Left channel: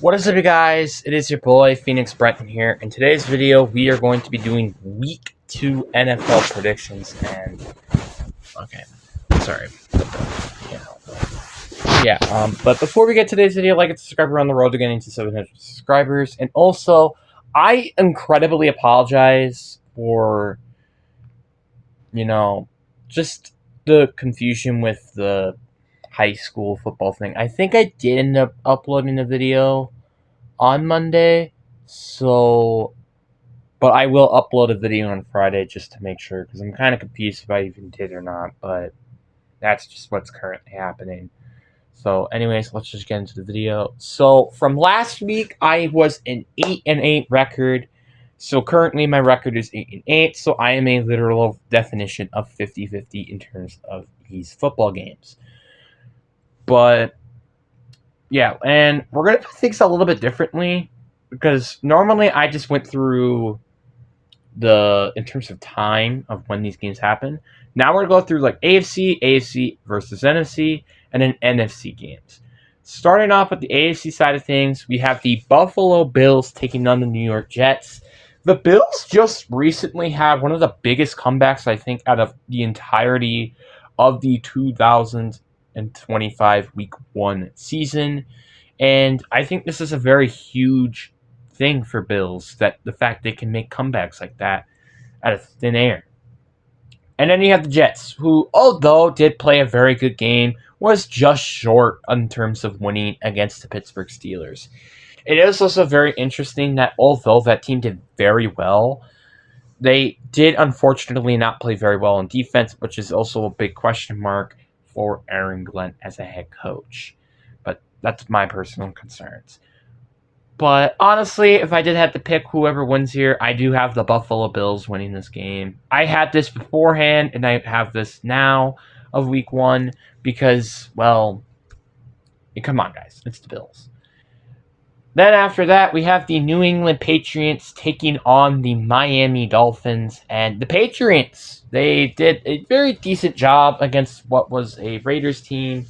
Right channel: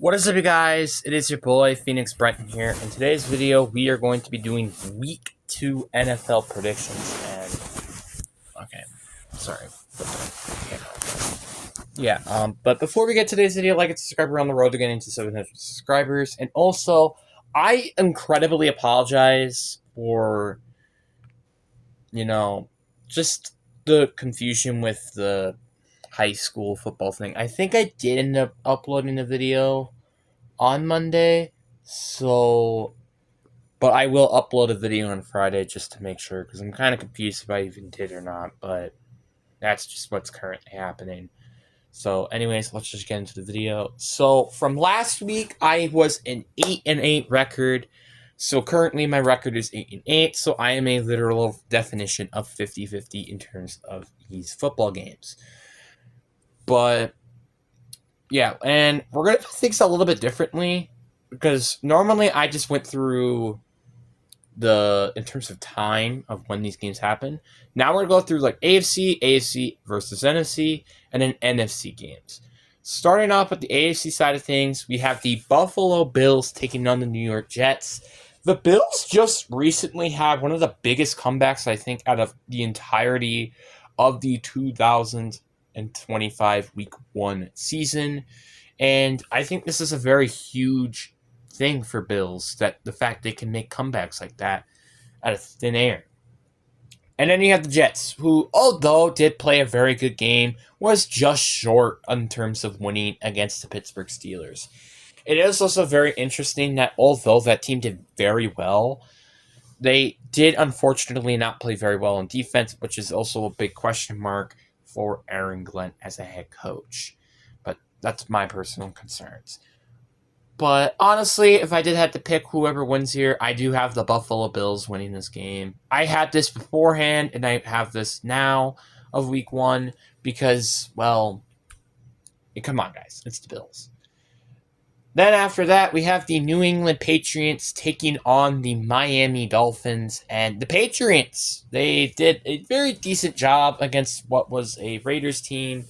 What is up, you guys? It is your boy Phoenix Brenton here. In today's video, we are going to be doing Week 2 NFL predictions. And okay, sorry. But before we get to today's video, like and subscribe. We're on the road to getting to 700 subscribers. And also, I incredibly apologize for just the confusion with the high school football thing. I think I did end up uploading a video on Monday, but I will upload a video on Friday just to make sure, because I'm kind of confused if I even did or not, but that's just what's currently happening. So anyways, let's just get into the video. So from last week, I was an 8-8 record. So currently my record is 8-8, so I am a literal definition of 50-50 in terms of these football games. But yeah, and we're going to do things a little bit differently, because normally I just went through in terms of time of when these games happen. Now we're going to go through like AFC versus NFC, and then NFC games. Starting off with the AFC side of things, we have the Buffalo Bills taking on the New York Jets. The Bills just recently had one of the biggest comebacks, I think, out of the entirety of the 2025 Week 1 season. And I think this is a very huge thing for Bills, that the fact they can make comebacks like that out of thin air. And then you have the Jets, who, although did play a very good game, was just short in terms of winning against the Pittsburgh Steelers. It is also very interesting that although that team did very well, they did unfortunately not play very well on defense, which is also a big question mark for Aaron Glenn as a head coach. But that's my personal concerns. But honestly, if I did have to pick whoever wins here, I do have the Buffalo Bills winning this game. I had this beforehand, and I have this now of Week 1 because, well, come on, guys. It's the Bills. Then after that, we have the New England Patriots taking on the Miami Dolphins. And the Patriots, they did a very decent job against what was a Raiders team.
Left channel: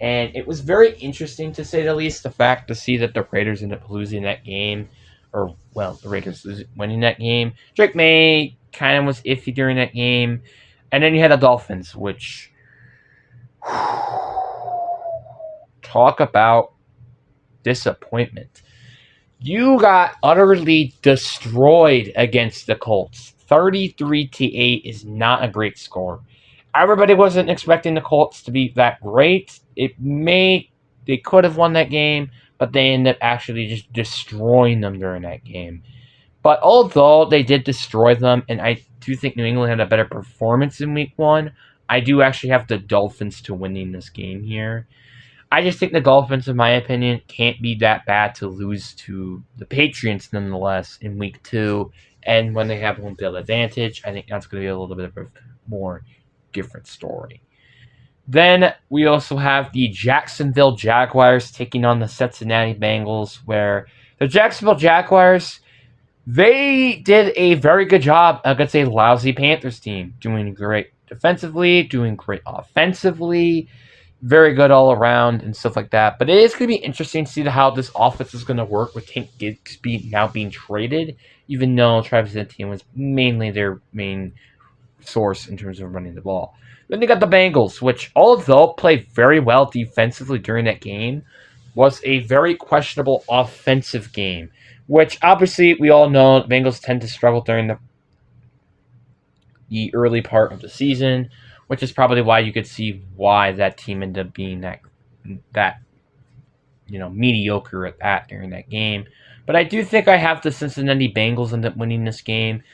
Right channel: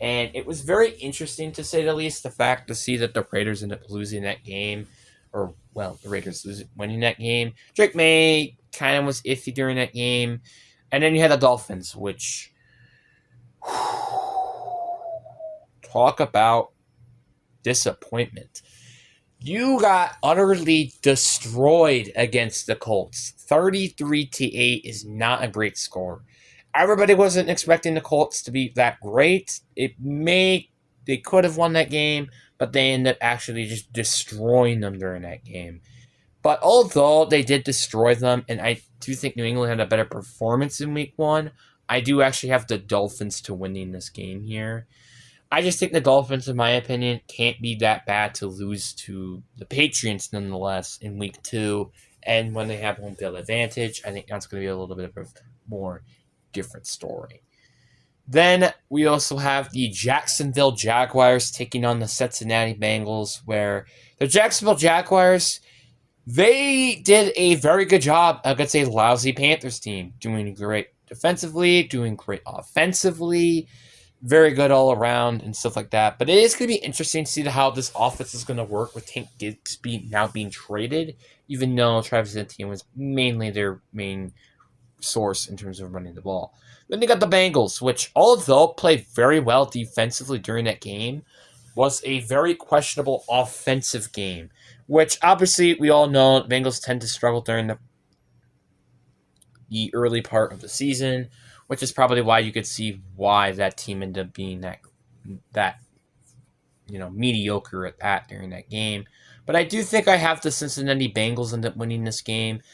And it was very interesting, to say the least, the fact to see that the Raiders ended up losing that game. The Raiders winning that game. Drake May kind of was iffy during that game. And then you had the Dolphins, which... talk about disappointment. You got utterly destroyed against the Colts. 33-8 is not a great score. Everybody wasn't expecting the Colts to be that great. They could have won that game, but they ended up actually just destroying them during that game. But although they did destroy them, and I do think New England had a better performance in Week 1, I do actually have the Dolphins to winning this game here. I just think the Dolphins, in my opinion, can't be that bad to lose to the Patriots nonetheless in Week 2. And when they have home field advantage, I think that's going to be a little bit of a more different story. Then we also have the Jacksonville Jaguars taking on the Cincinnati Bengals, where the Jacksonville Jaguars, they did a very good job against a lousy Panthers team, doing great defensively, doing great offensively, very good all around and stuff like that. But it is going to be interesting to see how this offense is going to work with Tank Bigsby now being traded, even though Travis Etienne was mainly their main source in terms of running the ball. Then you got the Bengals, which, although played very well defensively during that game, was a very questionable offensive game, which obviously we all know Bengals tend to struggle during the early part of the season, which is probably why you could see why that team ended up being that mediocre at that during that game. But I do think I have the Cincinnati Bengals end up winning this game.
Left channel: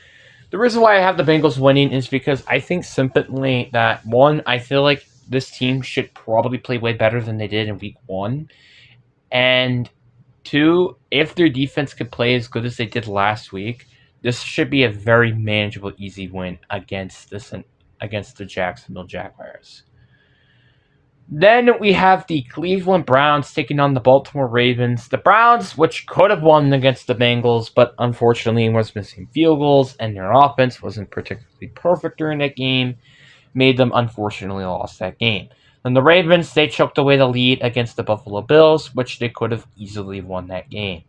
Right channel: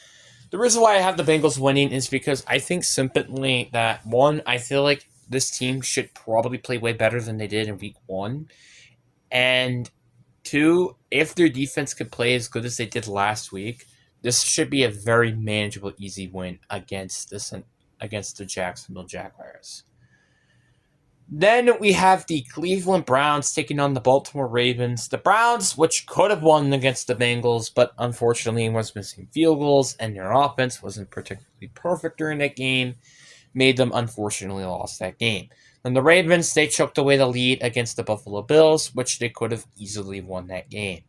The reason why I have the Bengals winning is because I think simply that, one, I feel like this team should probably play way better than they did in Week 1. And two, if their defense could play as good as they did last week, this should be a very manageable, easy win against the Jacksonville Jaguars. Then we have the Cleveland Browns taking on the Baltimore Ravens. The Browns, which could have won against the Bengals, but unfortunately was missing field goals, and their offense wasn't particularly perfect during that game, made them unfortunately lost that game. And the Ravens, they choked away the lead against the Buffalo Bills, which they could have easily won that game.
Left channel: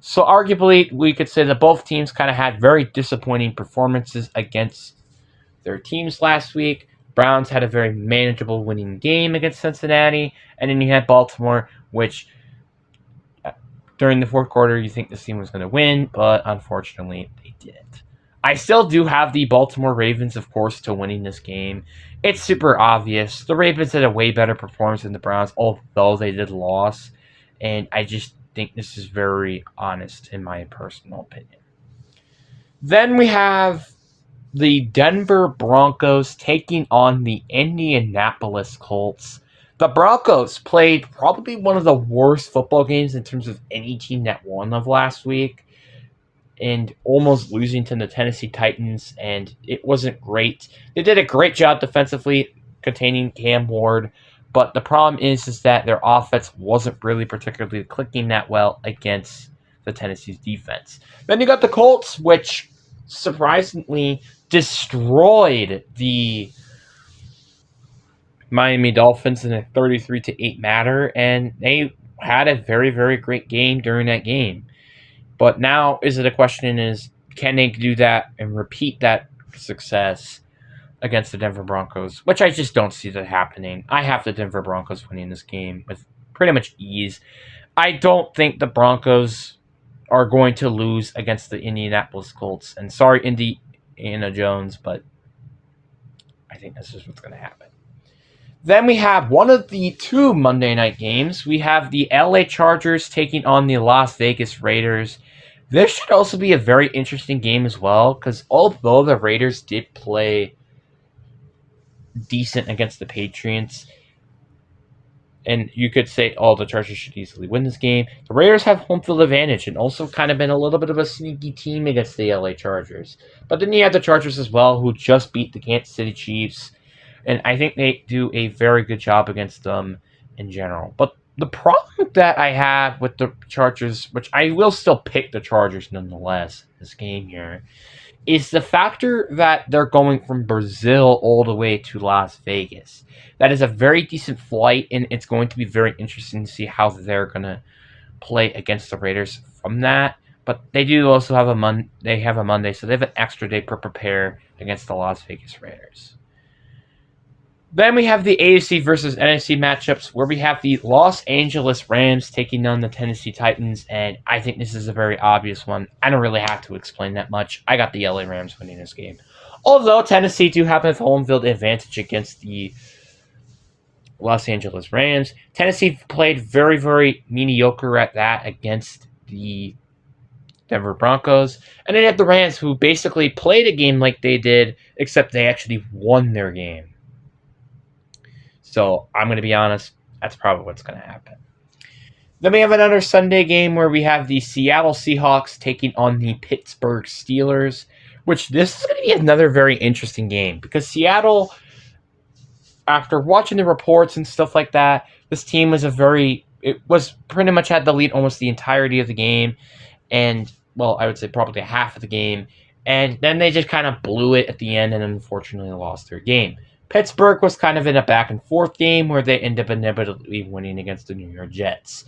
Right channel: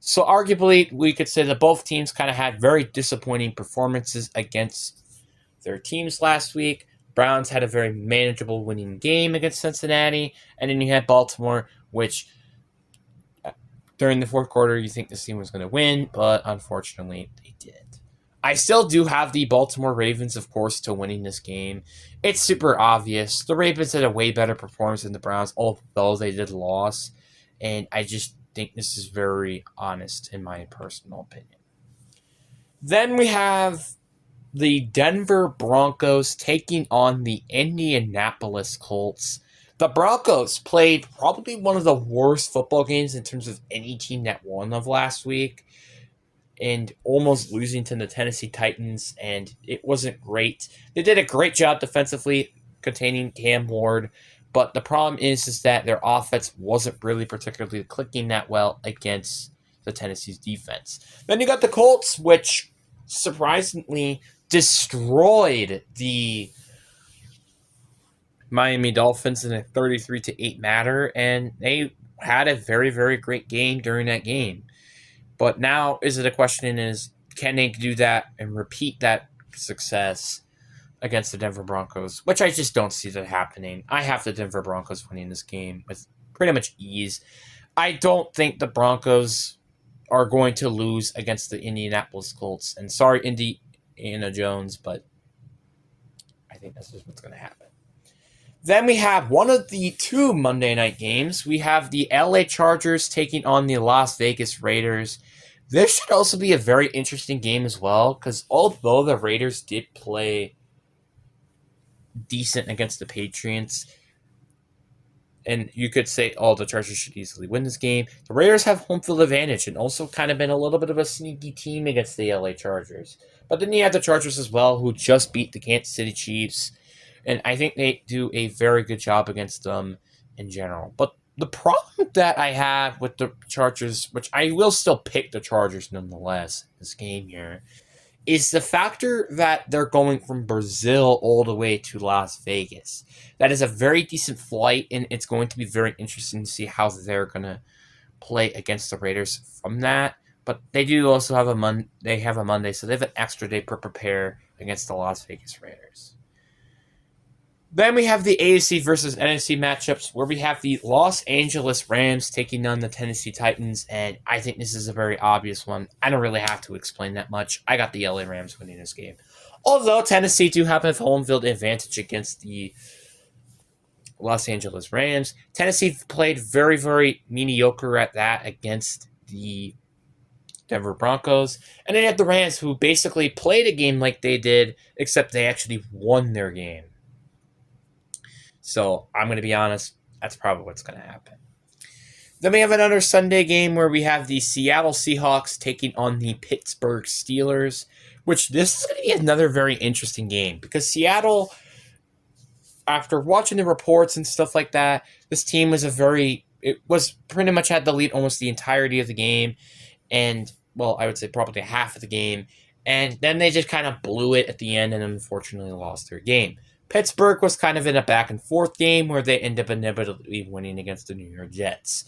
So arguably, we could say that both teams kind of had very disappointing performances against their teams last week. Browns had a very manageable winning game against Cincinnati, and then you had Baltimore, which during the fourth quarter you think this team was going to win, but unfortunately they didn't. I still do have the Baltimore Ravens, of course, to winning this game. It's super obvious. The Ravens had a way better performance than the Browns, although they did lose, and I just think this is very honest in my personal opinion. Then we have the Denver Broncos taking on the Indianapolis Colts. The Broncos played probably one of the worst football games in terms of any team that won of last week, and almost losing to the Tennessee Titans, and it wasn't great. They did a great job defensively containing Cam Ward, but the problem is that their offense wasn't really particularly clicking that well against the Tennessee's defense. Then you got the Colts, which surprisingly destroyed the Miami Dolphins in a 33-8 manner, and they had a very, very great game during that game. But now is it a question is, can they do that and repeat that success against the Denver Broncos, which I just don't see that happening. I have the Denver Broncos winning this game with pretty much ease. I don't think the Broncos are going to lose against the Indianapolis Colts. And sorry, Indiana Jones, but I think this is what's going to happen. Then we have one of the two Monday night games. We have the LA Chargers taking on the Las Vegas Raiders. This should also be a very interesting game as well, because although the Raiders did play decent against the Patriots, and you could say, oh, the Chargers should easily win this game, the Raiders have home field advantage and also kind of been a little bit of a sneaky team against the LA Chargers. But then you have the Chargers as well, who just beat the Kansas City Chiefs, and I think they do a very good job against them in general. But the problem that I have with the Chargers, which I will still pick the Chargers nonetheless in this game here, is the factor that they're going from Brazil all the way to Las Vegas. That is a very decent flight, and it's going to be very interesting to see how they're going to play against the Raiders from that. But they do also have a Monday, so they have an extra day to prepare against the Las Vegas Raiders. Then we have the AFC versus NFC matchups, where we have the Los Angeles Rams taking on the Tennessee Titans, and I think this is a very obvious one. I don't really have to explain that much. I got the LA Rams winning this game. Although Tennessee do have a home field advantage against the Los Angeles Rams. Tennessee played very, very mediocre at that against the Denver Broncos. And then you have the Rams, who basically played a game like they did, except they actually won their game. So I'm going to be honest, that's probably what's going to happen. Then we have another Sunday game where we have the Seattle Seahawks taking on the Pittsburgh Steelers, which this is going to be another very interesting game because Seattle, after watching the reports and stuff like that, this team was pretty much had the lead almost the entirety of the game. And, well, I would say probably half of the game. And then they just kind of blew it at the end and unfortunately lost their game. Pittsburgh was kind of in a back-and-forth game where they ended up inevitably winning against the New York Jets.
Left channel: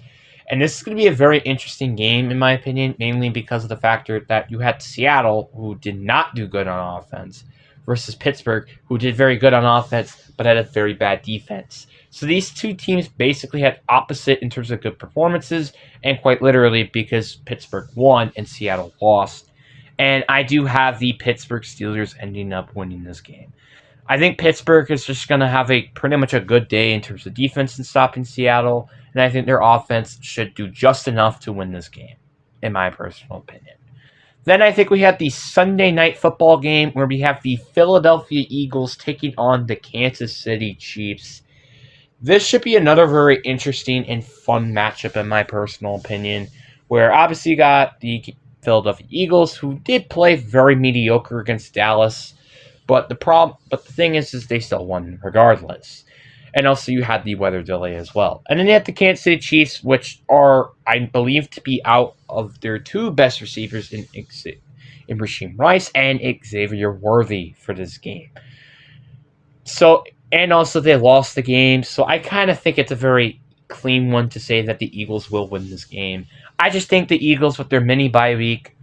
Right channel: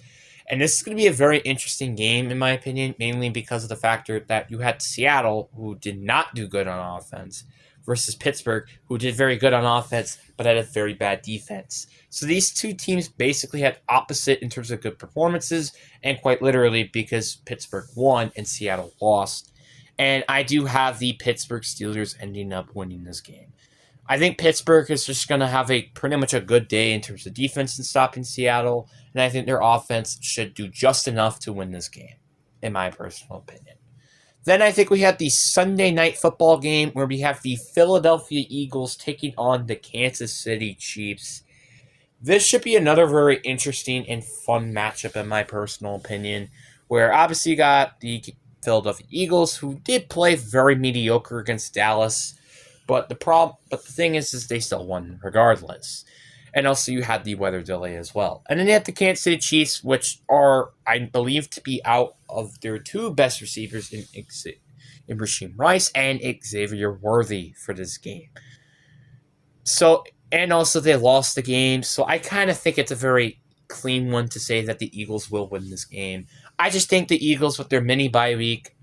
And this is going to be a very interesting game, in my opinion, mainly because of the factor that you had Seattle, who did not do good on offense, versus Pittsburgh, who did very good on offense, but had a very bad defense. So these two teams basically had opposite in terms of good performances, and quite literally because Pittsburgh won and Seattle lost. And I do have the Pittsburgh Steelers ending up winning this game. I think Pittsburgh is just going to have pretty much a good day in terms of defense and stopping Seattle, and I think their offense should do just enough to win this game, in my personal opinion. Then I think we have the Sunday night football game where we have the Philadelphia Eagles taking on the Kansas City Chiefs. This should be another very interesting and fun matchup, in my personal opinion, where obviously you got the Philadelphia Eagles, who did play very mediocre against Dallas. But the thing is they still won regardless. And also you had the weather delay as well. And then you have the Kansas City Chiefs, which are, I believe, to be out of their two best receivers in Rasheem Rice and Xavier Worthy for this game. So And also, they lost the game, so I kind of think it's a very clean one to say that the Eagles will win this game. I just think the Eagles, with their mini bye week,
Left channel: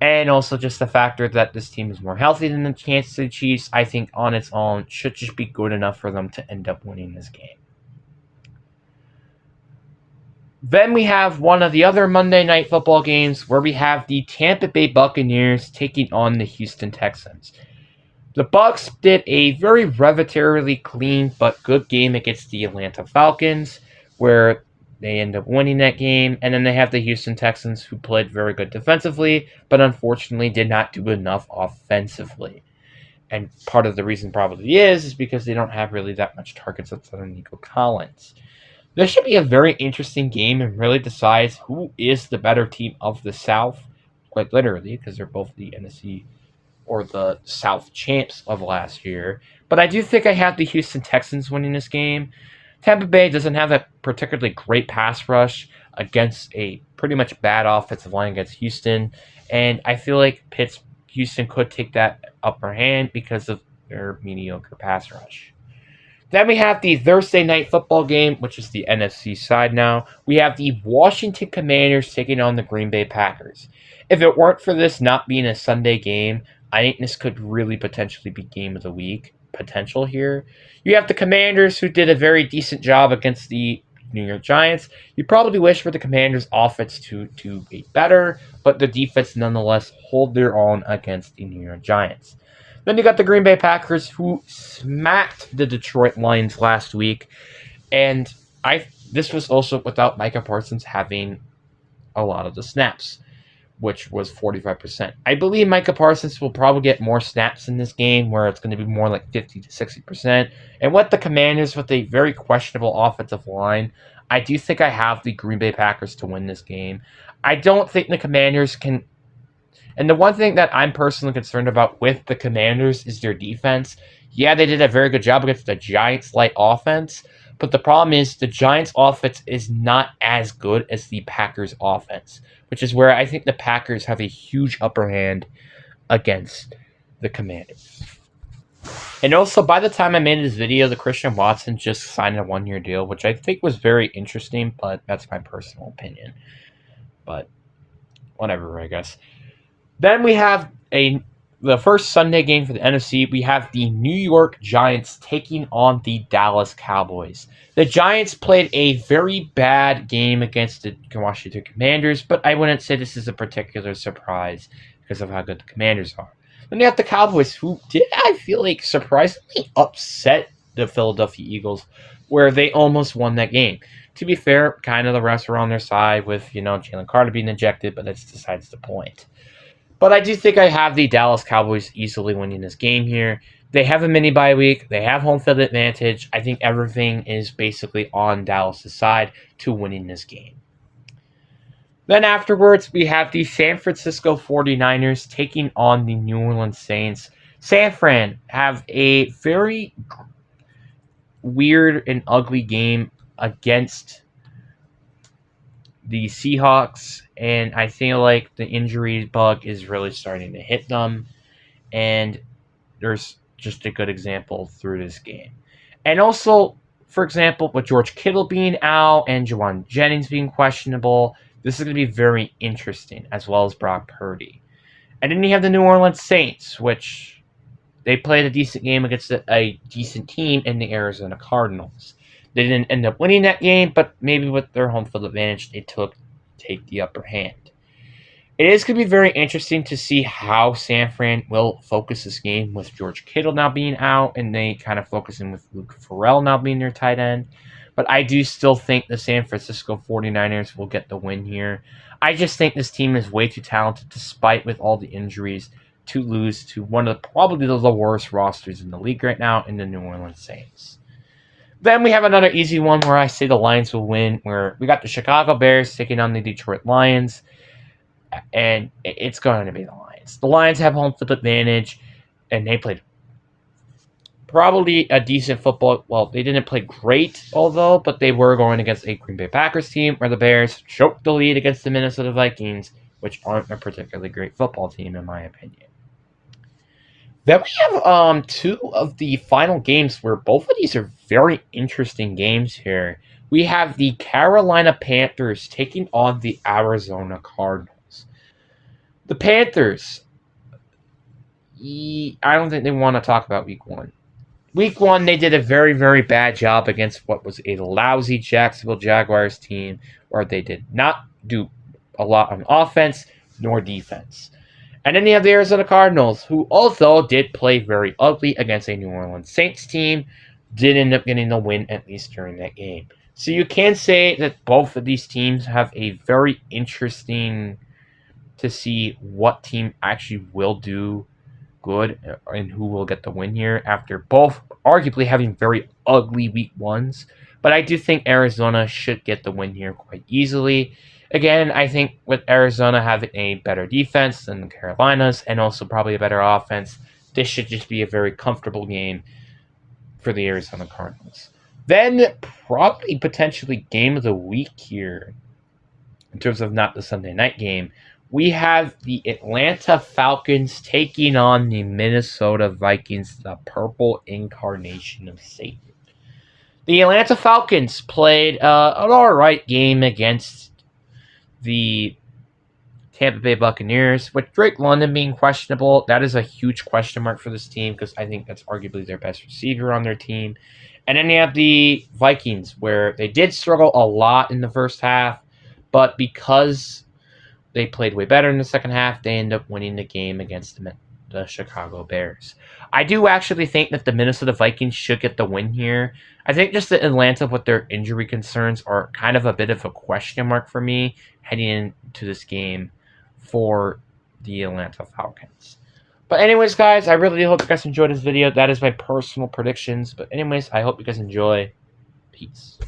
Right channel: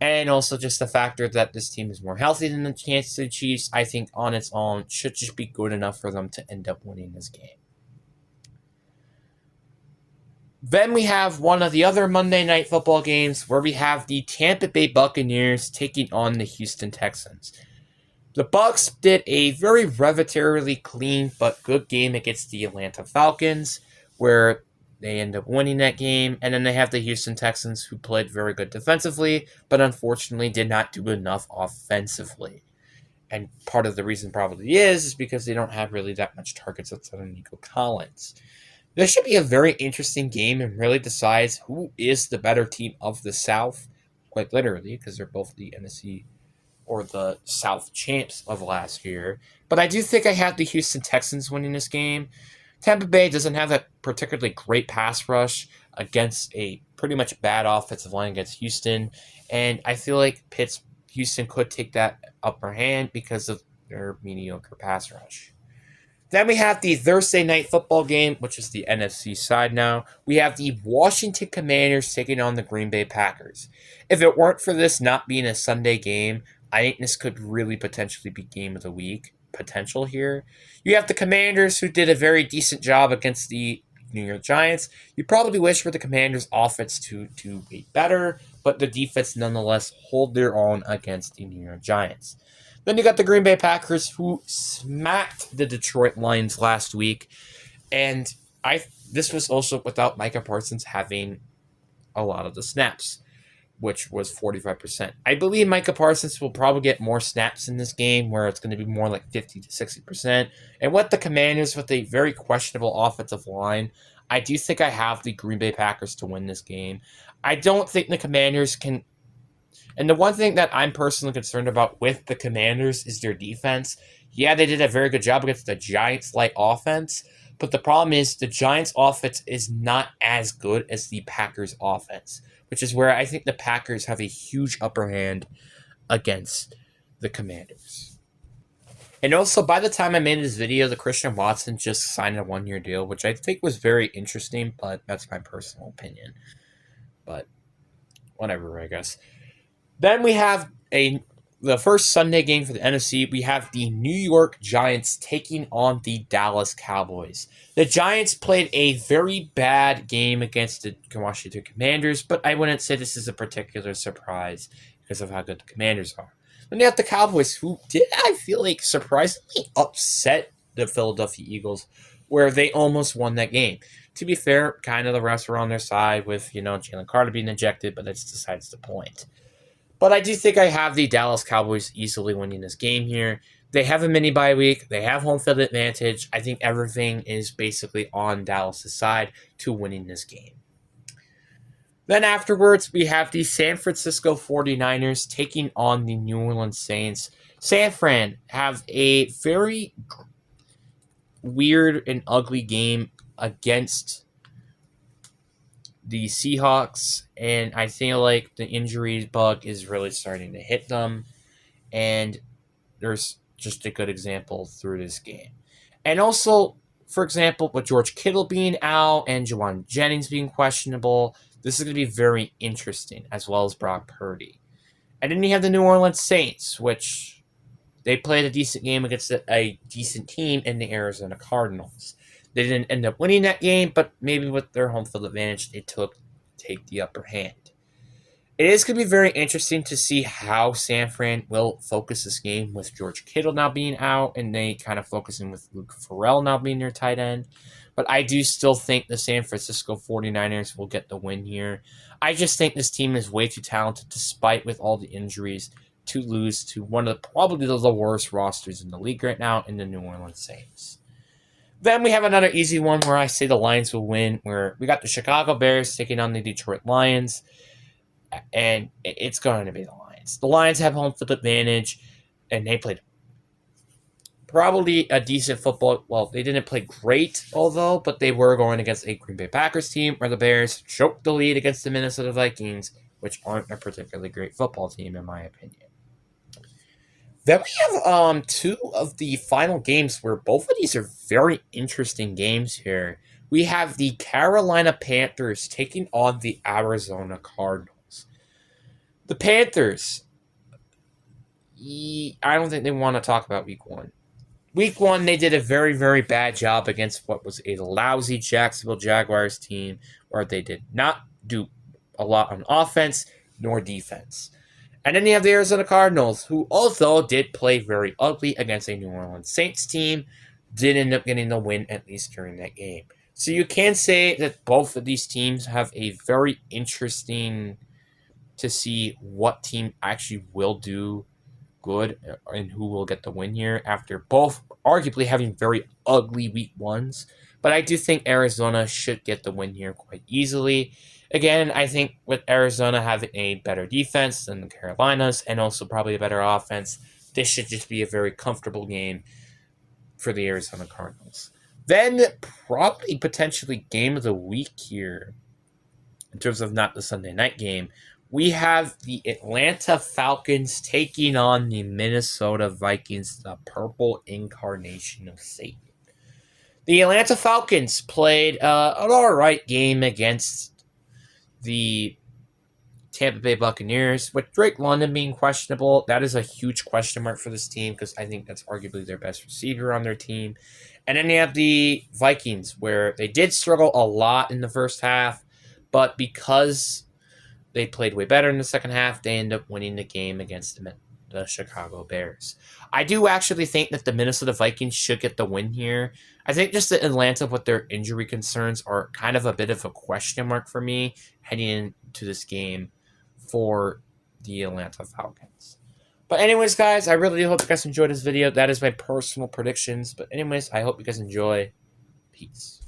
and also just the factor that this team is more healthy than the Kansas City Chiefs, I think on its own should just be good enough for them to end up winning this game. Then we have one of the other Monday Night Football games where we have the Tampa Bay Buccaneers taking on the Houston Texans. The Bucs did a very relatively clean but good game against the Atlanta Falcons, where they end up winning that game. And then they have the Houston Texans, who played very good defensively, but unfortunately did not do enough offensively. And part of the reason probably is because they don't have really that much targets outside of Nico Collins. This should be a very interesting game and really decides who is the better team of the South, quite literally, because they're both the NFC or the South champs of last year. But I do think I have the Houston Texans winning this game. Tampa Bay doesn't have a particularly great pass rush against a pretty much bad offensive line against Houston. And I feel like Houston could take that upper hand because of their mediocre pass rush. Then we have the Thursday night football game, which is the NFC side now. We have the Washington Commanders taking on the Green Bay Packers. If it weren't for this not being a Sunday game, I think this could really potentially be game of the week potential here. You have the Commanders, who did a very decent job against the New York Giants. You probably wish for the Commanders' offense to be better, but the defense nonetheless hold their own against the New York Giants. Then you got the Green Bay Packers, who smacked the Detroit Lions last week, and this was also without Micah Parsons having a lot of the snaps, which was 45%. I believe Micah Parsons will probably get more snaps in this game, where it's going to be more like 50 to 60%. And with the Commanders, with a very questionable offensive line, I do think I have the Green Bay Packers to win this game. I don't think the Commanders can. And the one thing that I'm personally concerned about with the Commanders is their defense. Yeah, they did a very good job against the Giants' light offense, but the problem is the Giants' offense is not as good as the Packers' offense, which is where I think the Packers have a huge upper hand against the Commanders. And also, by the time I made this video, the Christian Watson just signed a 1-year deal, which I think was very interesting, but that's my personal opinion. But whatever, I guess. Then we have the first Sunday game for the NFC. We have the New York Giants taking on the Dallas Cowboys. The Giants played a very bad game against the Washington Commanders, but I wouldn't say this is a particular surprise because of how good the Commanders are. Then you have the Cowboys, who did, I feel like, surprisingly upset the Philadelphia Eagles, where they almost won that game. To be fair, kind of the refs were on their side with, Jalen Carter being ejected, but that's besides the point. But I do think I have the Dallas Cowboys easily winning this game here. They have a mini bye week. They have home field advantage. I think everything is basically on Dallas' side to winning this game. Then afterwards, we have the San Francisco 49ers taking on the New Orleans Saints. San Fran have a very weird and ugly game against the Seahawks, and I feel like the injury bug is really starting to hit them, and there's just a good example through this game. And also, for example, with George Kittle being out and Juwan Jennings being questionable, this is going to be very interesting, as well as Brock Purdy. And then you have the New Orleans Saints, which they played a decent game against a decent team in the Arizona Cardinals. They didn't end up winning that game, but maybe with their home field advantage, they take the upper hand. It is going to be very interesting to see how San Fran will focus this game with George Kittle now being out, and they kind of focusing with Luke Farrell now being their tight end. But I do still think the San Francisco 49ers will get the win here. I just think this team is way too talented, despite with all the injuries, to lose to one of probably the worst rosters in the league right now in the New Orleans Saints. Then we have another easy one where I say the Lions will win, where we got the Chicago Bears taking on the Detroit Lions, and it's going to be the Lions. The Lions have home field advantage, and they played probably a decent football. Well, they didn't play great, but they were going against a Green Bay Packers team, where the Bears choked the lead against the Minnesota Vikings, which aren't a particularly great football team, in my opinion. Then we have two of the final games where both of these are very interesting games here. We have the Carolina Panthers taking on the Arizona Cardinals. The Panthers, I don't think they want to talk about week one. Week one, they did a very, very bad job against what was a lousy Jacksonville Jaguars team, where they did not do a lot on offense nor defense. And then you have the Arizona Cardinals, who although did play very ugly against a New Orleans Saints team, did end up getting the win at least during that game. So you can say that both of these teams have a very interesting to see what team actually will do good and who will get the win here after both arguably having very ugly week ones. But I do think Arizona should get the win here quite easily. Again, I think with Arizona having a better defense than the Carolinas and also probably a better offense, this should just be a very comfortable game for the Arizona Cardinals. Then probably potentially game of the week here in terms of not the Sunday night game. We have the Atlanta Falcons taking on the Minnesota Vikings, the purple incarnation of Satan. The Atlanta Falcons played an all right game against the Tampa Bay Buccaneers, with Drake London being questionable. That is a huge question mark for this team because I think that's arguably their best receiver on their team. And then you have the Vikings, where they did struggle a lot in the first half, but because they played way better in the second half, they end up winning the game against the Chicago Bears. I do actually think that the Minnesota Vikings should get the win here. I think just that Atlanta, with their injury concerns, are kind of a bit of a question mark for me heading into this game for the Atlanta Falcons. But anyways, guys, I really hope you guys enjoyed this video. That is my personal predictions. But anyways, I hope you guys enjoy. Peace.